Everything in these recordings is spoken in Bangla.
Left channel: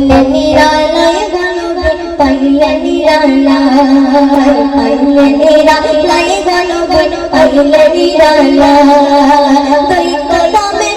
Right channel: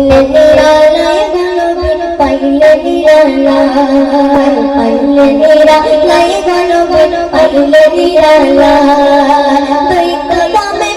পাইলে নিরালায় ভালোবাসা পাইলে নিরালায় পাইলে নিরালায় ভালোবাসা পাইলে নিরালায় তুই কদমে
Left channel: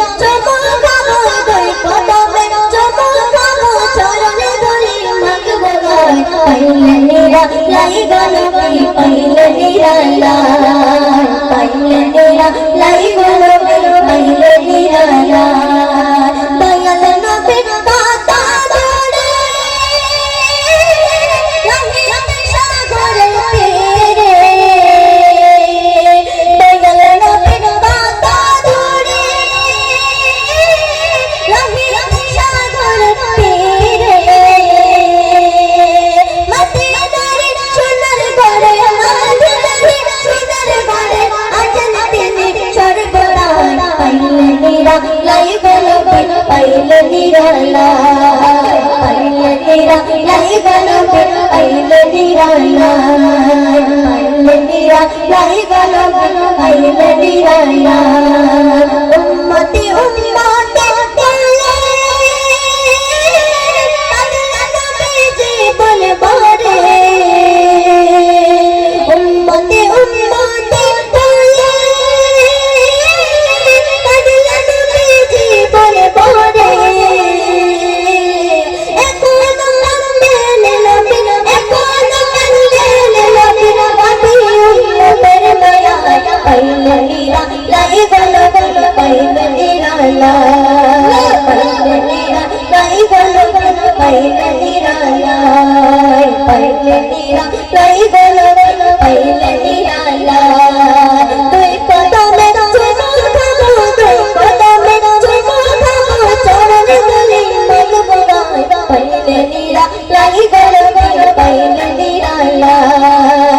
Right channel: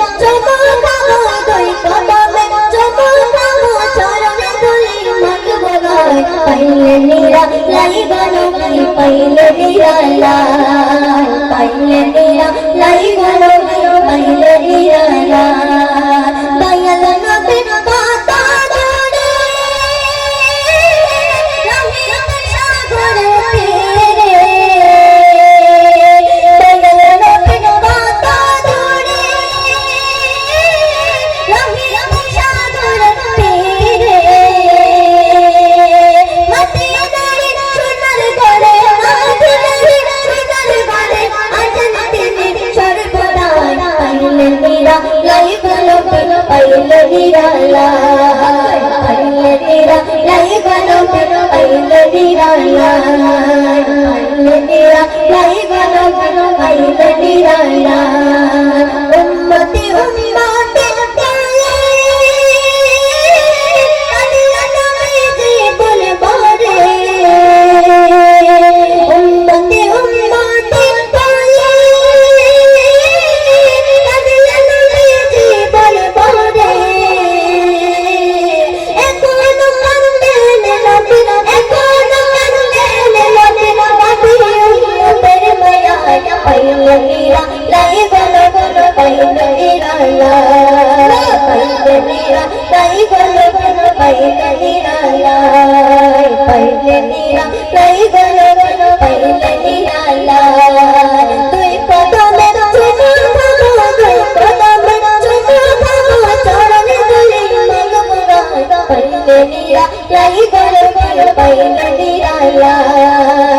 ला लाई गल गल पाई नदी आया